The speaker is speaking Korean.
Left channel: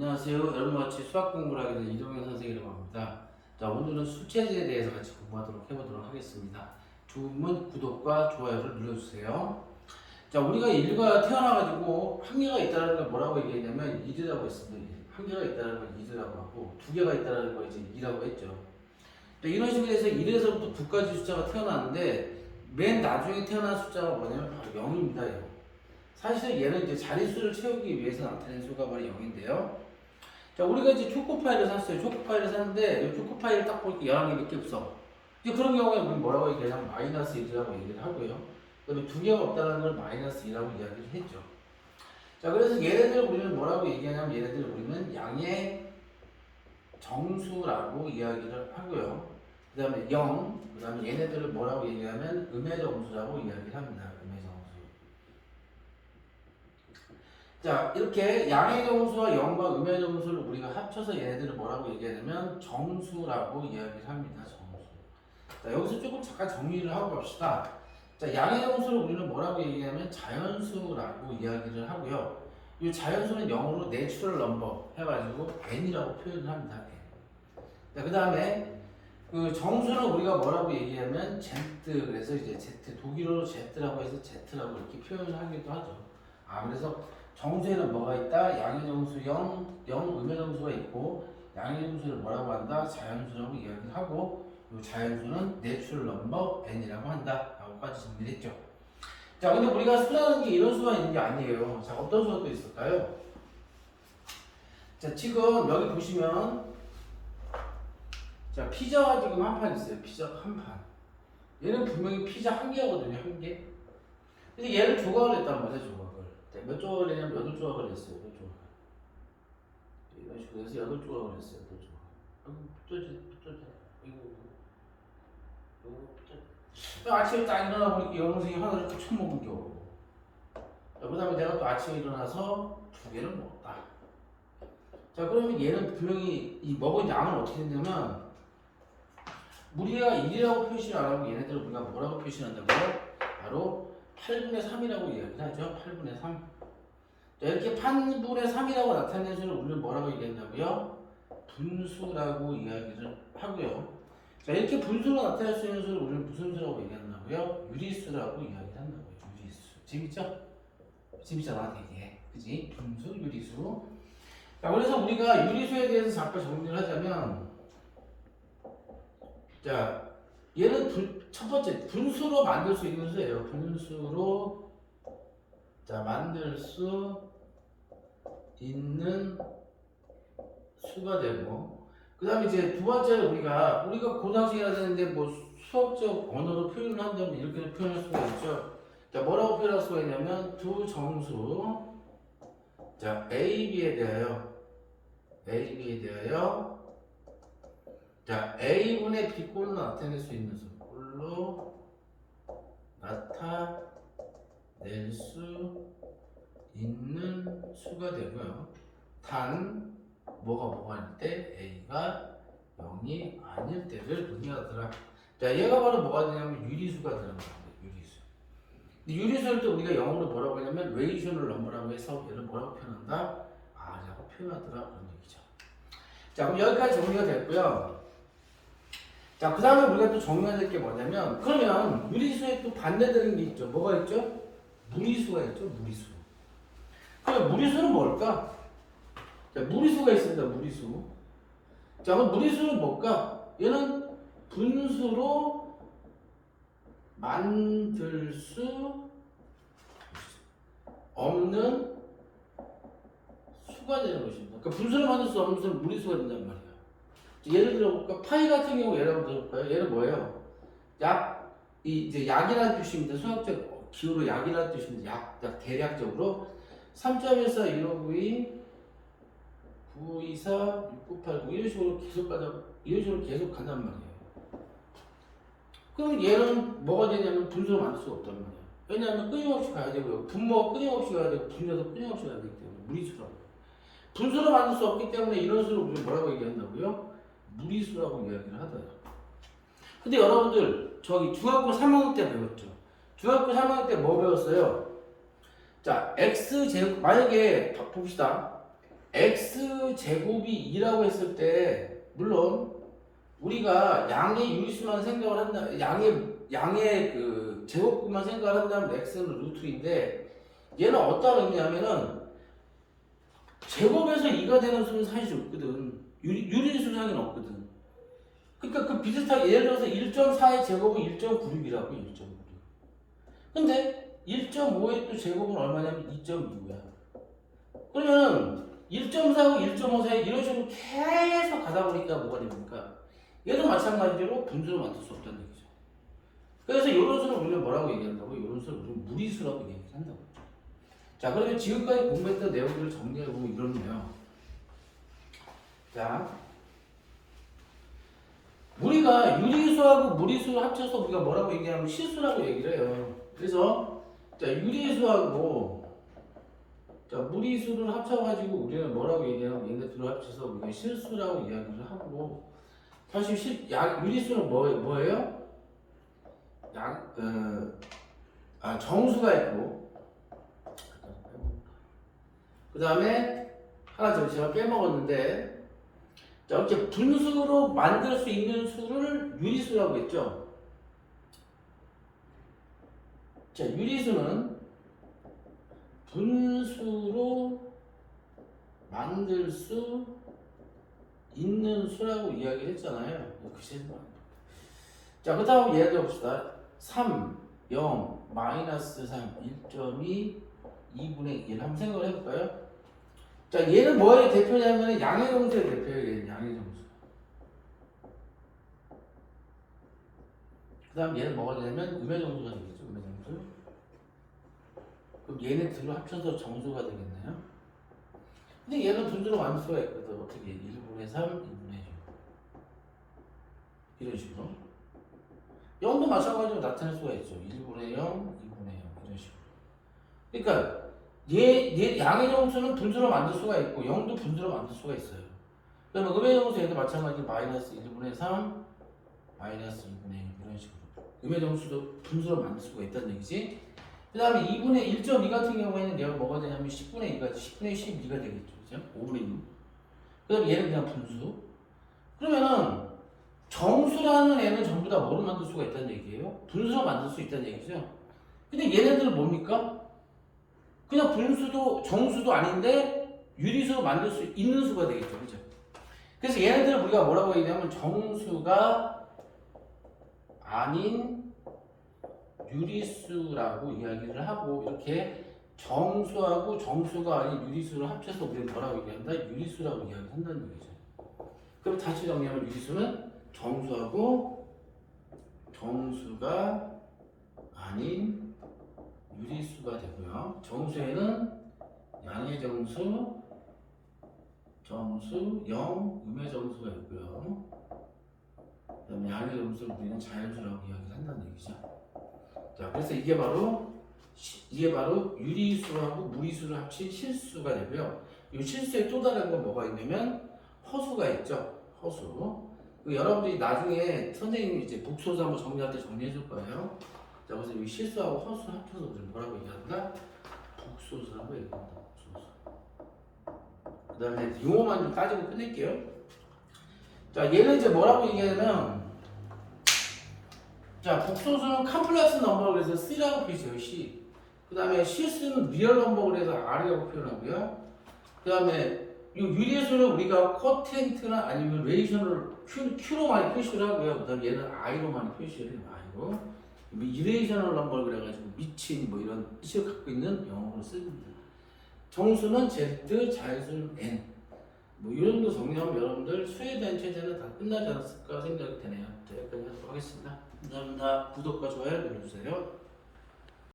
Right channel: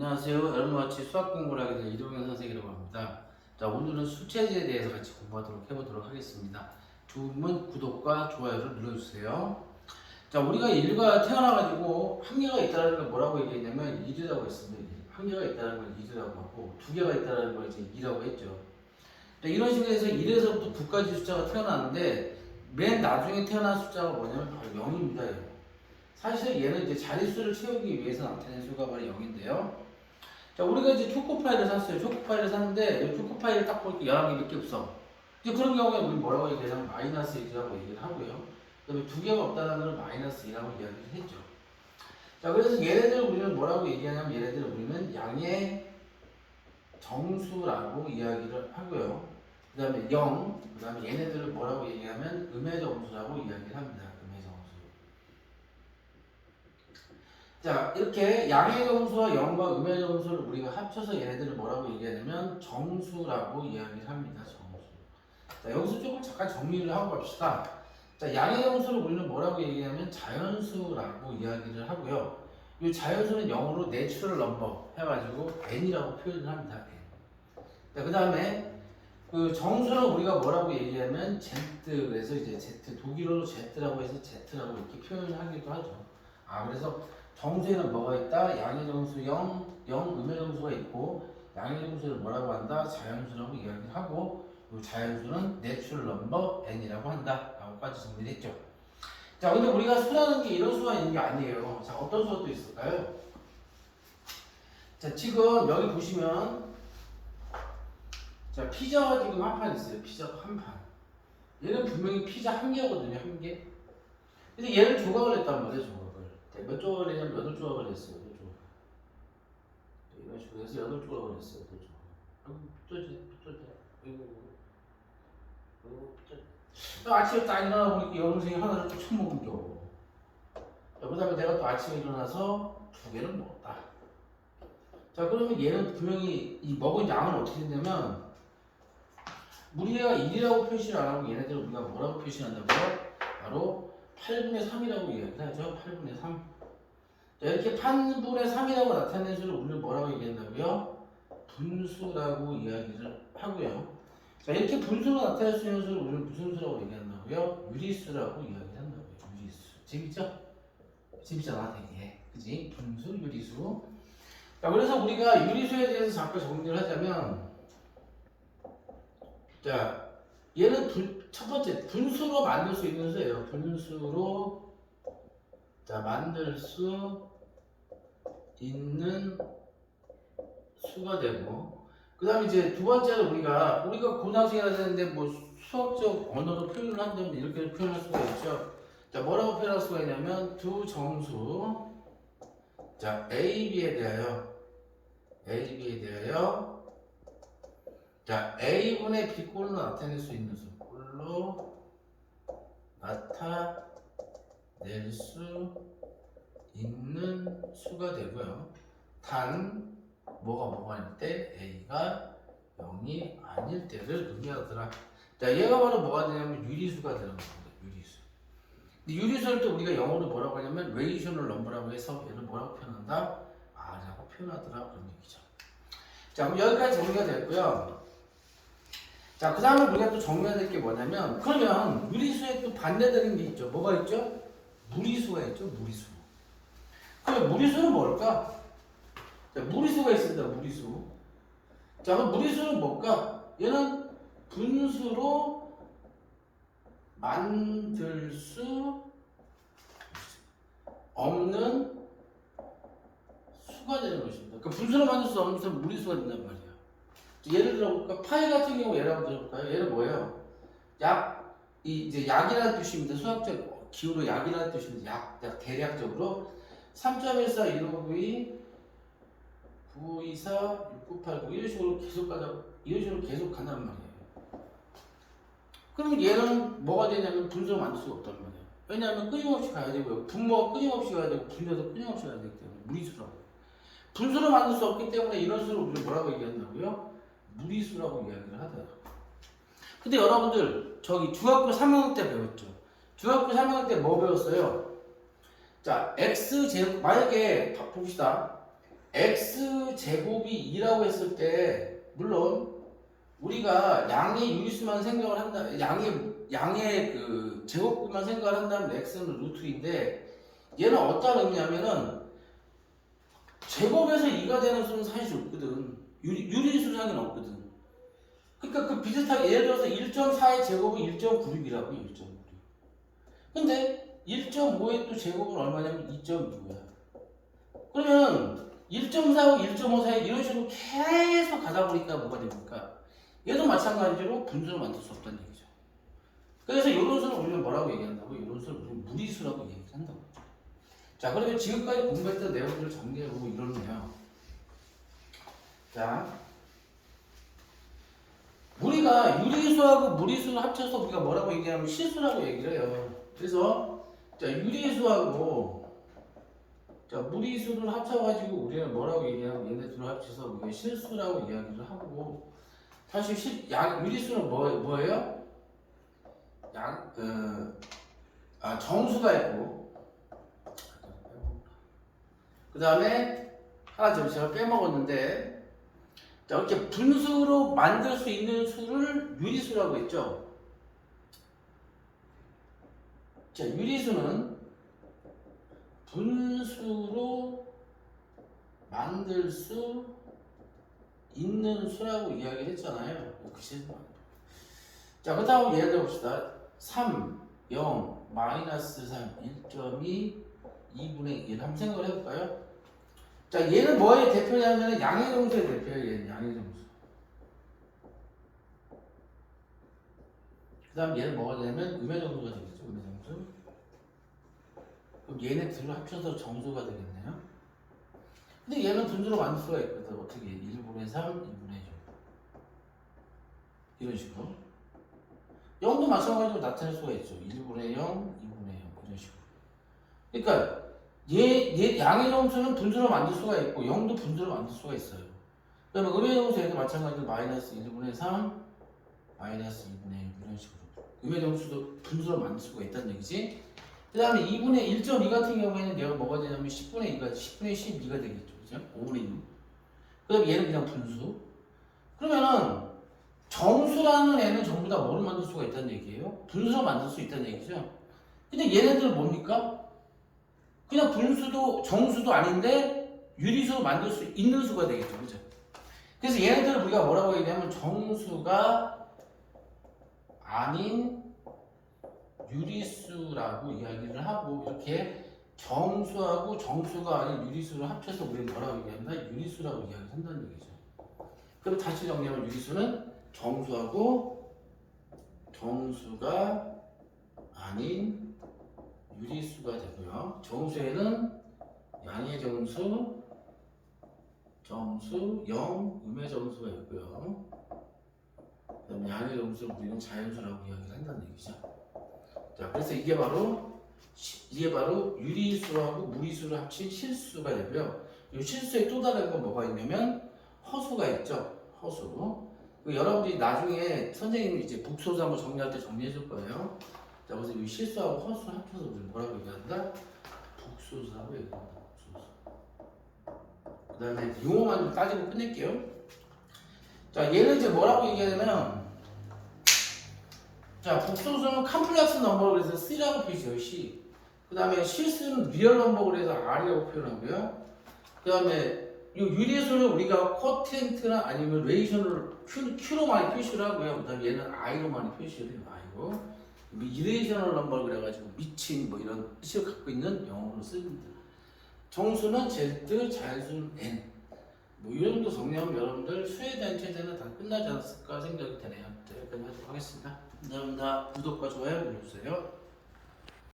안녕하세요. 여러분과 같이 수학 공부를 하게 된 이동현 선생이라고 합니다. 자, 오늘은 수체제에 대해서 같이 공부하도록 해보도록 하겠습니다. 좋으면 구독과 좋아요를 눌러주세요. 자, 우리가 인류가 태어나가지고 한계가 있다는 걸 뭐라고 얘기했냐면 1이라고 했습니다. 한계가 있다는 걸 1이라고 하고 두 개가 있다는 걸 이제 2라고 했죠. 자, 이런 식으로 해서 1에서부터 9까지 숫자가 태어났는데 맨 나중에 태어난 숫자가 뭐냐면 바로 0입니다. 0. 사실 얘는 이제 자릿수를 채우기 위해서 나타낸 수가 바로 0인데요. 자, 우리가 이제 초코파이를 샀어요. 초코파이를 샀는데, 이 초코파이를 딱 보니까 11개 밖에 없어. 이제 그런 경우에 우리 뭐라고 얘기하냐면 마이너스 1이라고 얘기를 하고요. 그 다음에 두 개가 없다는 걸 마이너스 2라고 이야기를 했죠. 자, 그래서 얘네들 우리는 뭐라고 얘기하냐면 얘네들 우리는 양의 정수라고 이야기를 하고요. 그 다음에 0, 그 다음에 얘네들을 뭐라고 얘기하면 음의 정수라고 이야기를 합니다. 음의 정수. 자, 이렇게 양의 정수와 0과 음의 정수를 우리가 합쳐서 얘네들을 뭐라고 얘기하냐면 정수라고 이야기를 합니다. 정수. 자, 여기서 조금 잠깐 정리를 하고 갑시다. 자, 양의 정수를 우리는 뭐라고 얘기하냐면 자연수라고 이야기를 하고요. 이 자연수는 영어로 내추럴 넘버 해가지고 n이라고 표현을 합니다. n. 자, 그 다음에 그 정수는 우리가 뭐라고 얘기하면 z, 그래서 이제 z, 독일어로 z라고 해서 z라고 이렇게 표현을 하기도 하죠. 그래서 정수에는 뭐가 있다? 양의 정수 0, 음의 정수가 있고 양의 정수를 뭐라고 한다? 자연수라고 이야기를 하고 이 자연수는 내추럴 넘버 n이라고 한다 라고까지 정리를 했죠. 자, 근데 우리가 수라는 게 이런 수가 있는 게 아니에요. 자, 어떤 수가 또 있을까요? 자, 지금 여기 보시면 자, 피자가 지금 한 판 있어요. 피자가 한 판. 얘는 분명히 피자 한 개거든요. 한 개. 근데 얘를 조각을 했단 말이에요. 조각을. 몇 조각을 했냐면 8조각을 했어요. 8조각. 이런 식으로 해서 8조각을 했어요. 8조각. 아이고, 삐뚤지. 아이고, 아침에 딱 일어나 보니까 여동생이 하나를 또 처먹은 겨. 그 다음에 내가 또 아침에 일어나서 2개를 먹었다. 자, 그러면 얘는 분명히 이 먹은 양은 어떻게 됐냐면 우리가 1이라고 표시를 안 하고 얘네들을 우리가 뭐라고 표시한다고요? 바로 8분의 3이라고 이야기를 하죠. 8분의 3. 자, 이렇게 8분의 3이라고 나타내는 수를 우리는 뭐라고 얘기한다고요? 분수라고 이야기를 하고요. 자, 이렇게 분수로 나타낼 수 있는 수를 우리는 무슨 수라고 얘기한다고요? 유리수라고 이야기를 한다고요. 유리수. 재밌죠? 재밌잖아, 되게. 그지? 분수, 유리수. 자, 그래서 우리가 유리수에 대해서 잠깐 정리를 하자면, 자, 얘는 첫 번째 분수로 만들 수 있는 수예요. 분수로 자 만들 수 있는 수가 되고, 그 다음에 이제 두 번째로 우리가 고등학생 해야 되는데 뭐 수학적 언어로 표현을 한다면 이렇게 표현할 수가 있죠. 자, 뭐라고 표현할 수가 있냐면 두 정수 자 A, B에 대하여 자 A분의 B꼴로 나타낼 수 있는 수 꼴로 나타낼 수 있는 수가 되고요. 단 뭐가 아닐 때 A가 0이 아닐 때를 의미하더라. 자, 얘가 바로 뭐가 되냐면 유리수가 되는 겁니다. 유리수. 근데 유리수를 또 우리가 영어로 뭐라고 하냐면 레이셔널 넘버라고 해서 얘를 뭐라고 표현한다? R이라고 표현하더라. 그런 얘기죠. 자, 그럼 여기까지 정리가 됐고요. 자, 그 다음에 우리가 또 정리해야 될 게 뭐냐면, 그러면 무리수에 또 반대되는 게 있죠. 뭐가 있죠? 무리수가 있죠. 무리수. 그럼 무리수는 뭘까? 자, 무리수가 있습니다. 무리수. 자, 그럼 무리수는 뭘까? 얘는 분수로 만들 수 없는 수가 되는 것입니다. 그러니까 분수로 만들 수 없는 수는 무리수가 된단 말이에요. 예를 들어볼까? 파이 같은 경우 예를 들어볼까요? 얘는 뭐예요? 이제 약이라는 뜻입니다. 수학적 기호로 약이라는 뜻입니다. 약 대략적으로 3.14, 1592, 9524, 6989 이런 식으로 계속 간단 말이에요. 그럼 얘는 뭐가 되냐면 분수로 만들 수가 없단 말이에요. 왜냐하면 끊임없이 가야 되고요. 분모가 끊임없이 가야 되고 분모도 끊임없이 가야 되기 때문에 무리수라고. 분수로 만들 수 없기 때문에 이런 수를 우리가 뭐라고 얘기한다고요? 무리수라고 이야기를 하더라고요. 근데 여러분들 저기 중학교 3학년 때 배웠죠? 중학교 3학년 때 뭐 배웠어요? 자, x제곱 만약에 봅시다. x 제곱이 2라고 했을 때 물론 우리가 양의 유리수만 생각을 한다, 양의 그 제곱만 생각을 한다면 x는 루트인데 얘는 어떤 의미냐면은 제곱에서 2가 되는 수는 사실 없거든. 유리수상에는 없거든. 그러니까 그 비슷하게 예를 들어서 1.4의 제곱은 1.96이라고 1.96. 근데 1.5의 또 제곱은 얼마냐면 2.25야. 그러면 1.4하고 1.5 사이 이런 식으로 계속 가다 보니까 뭐가 됩니까? 얘도 마찬가지로 분수를 만들 수 없다는 얘기죠. 그래서 이런 수를 우리는 뭐라고 얘기한다고? 이런 수를 우리는 무리수라고 얘기한다고. 자, 그러면 지금까지 공부했던 내용들을 정리해보면 이렇네요. 자, 우리가 유리수하고 무리수를 합쳐서 우리가 뭐라고 얘기하면 실수라고 얘기를 해요. 그래서 자, 유리수하고 자, 무리수를 합쳐가지고 우리는 뭐라고 얘기하면 얘네 둘을 합쳐서 우리가 실수라고 이야기를 하고 사실 유리수는 뭐예요? 정수가 있고 그 다음에 하나 제가 빼먹었는데 자, 이렇게 분수로 만들 수 있는 수를 유리수라고 했죠. 자, 유리수는 분수로 만들 수 있는 수라고 이야기를 했잖아요. 자, 그 다음 예를 들어 봅시다. 3, 0, 마이너스 3, 1.2, 2분의 1 한번 생각을 해볼까요? 자, 얘는 뭐의 대표냐면 양의 정수의 대표예요. 양의 정수. 그 다음 얘는 뭐가 되냐면 음의 정수가 되겠죠. 음의 정수. 그럼 얘네 둘을 합쳐서 정수가 되겠네요. 근데 얘는 분수로 만들 수가 있거든. 어떻게? 1분의 3, 2분의 6. 이런 식으로. 0도 마찬가지로 나타낼 수가 있죠. 1분의 0, 2분의 0. 이런 식으로. 그러니까 얘 양의 정수는 분수로 만들 수가 있고 0도 분수로 만들 수가 있어요. 그러면 음의 정수 얘도 마찬가지로 마이너스 1분의 3, 마이너스 2분의 6 이런 식으로. 음의 정수도 분수로 만들 수가 있다는 얘기지. 그 다음에 2분의 1.2 같은 경우에는 내가 뭐가 되냐면 10분의 2가 10분의 12가 되겠죠. 그죠? 5분의 6. 그 다음에 얘는 그냥 분수. 그러면은 정수라는 애는 전부 다 뭐를 만들 수가 있다는 얘기예요? 분수로 만들 수 있다는 얘기죠. 근데 얘네들은 뭡니까? 그냥 분수도 정수도 아닌데 유리수로 만들 수 있는 수가 되겠죠. 그죠? 그래서 얘네들을 우리가 뭐라고 얘기하면 정수가 아닌 유리수라고 이야기를 하고 이렇게 정수하고 정수가 아닌 유리수를 합쳐서 우리가 뭐라고 얘기한다? 유리수라고 이야기를 한다는 얘기죠. 그럼 다시 정리하면 유리수는 정수하고 정수가 아닌 유리수가 되고요. 정수에는 양의 정수, 정수, 0, 음의 정수가 있고요. 그 다음에 양의 정수를 우리는 자연수라고 이야기를 한다는 얘기죠. 자, 그래서 이게 바로 유리수하고 무리수를 합친 실수가 되고요. 이 실수에 또 다른 건 뭐가 있냐면 허수가 있죠. 허수. 여러분들이 나중에 선생님이 이제 복소수 한번 정리할 때 정리해 줄 거예요. 자, 그래서 이 실수하고 허수를 합쳐서 우리 뭐라고 얘기한다? 복소수라고 얘기한다. 복소수. 그 다음에 용어만 좀 따지고 끝낼게요. 자, 얘는 이제 뭐라고 얘기하냐면 자, 복소수는 컴플렉스 넘버로 해서 C라고 표시해요. C. 그 다음에 실수는 리얼 넘버로 해서 R이라고 표현하고요. 그 다음에 이 유리수를 우리가 쿼티엔트나 아니면 레이션을 Q로 많이 표시를 하고요. 그 다음에 얘는 I로 많이 표시를 해요. I로. 이레이셔널 넘버 그래가지고 미친 뭐 이런 뜻을 갖고 있는 영어로 씁니다. 정수는 Z, 자연수는 N. 뭐 이 정도 정리하면 여러분들 수에 대한 체제는 다 끝나지 않았을까 생각이 되네요. 네, 끝나도록 하겠습니다. 감사합니다. 구독과 좋아요 눌러주세요.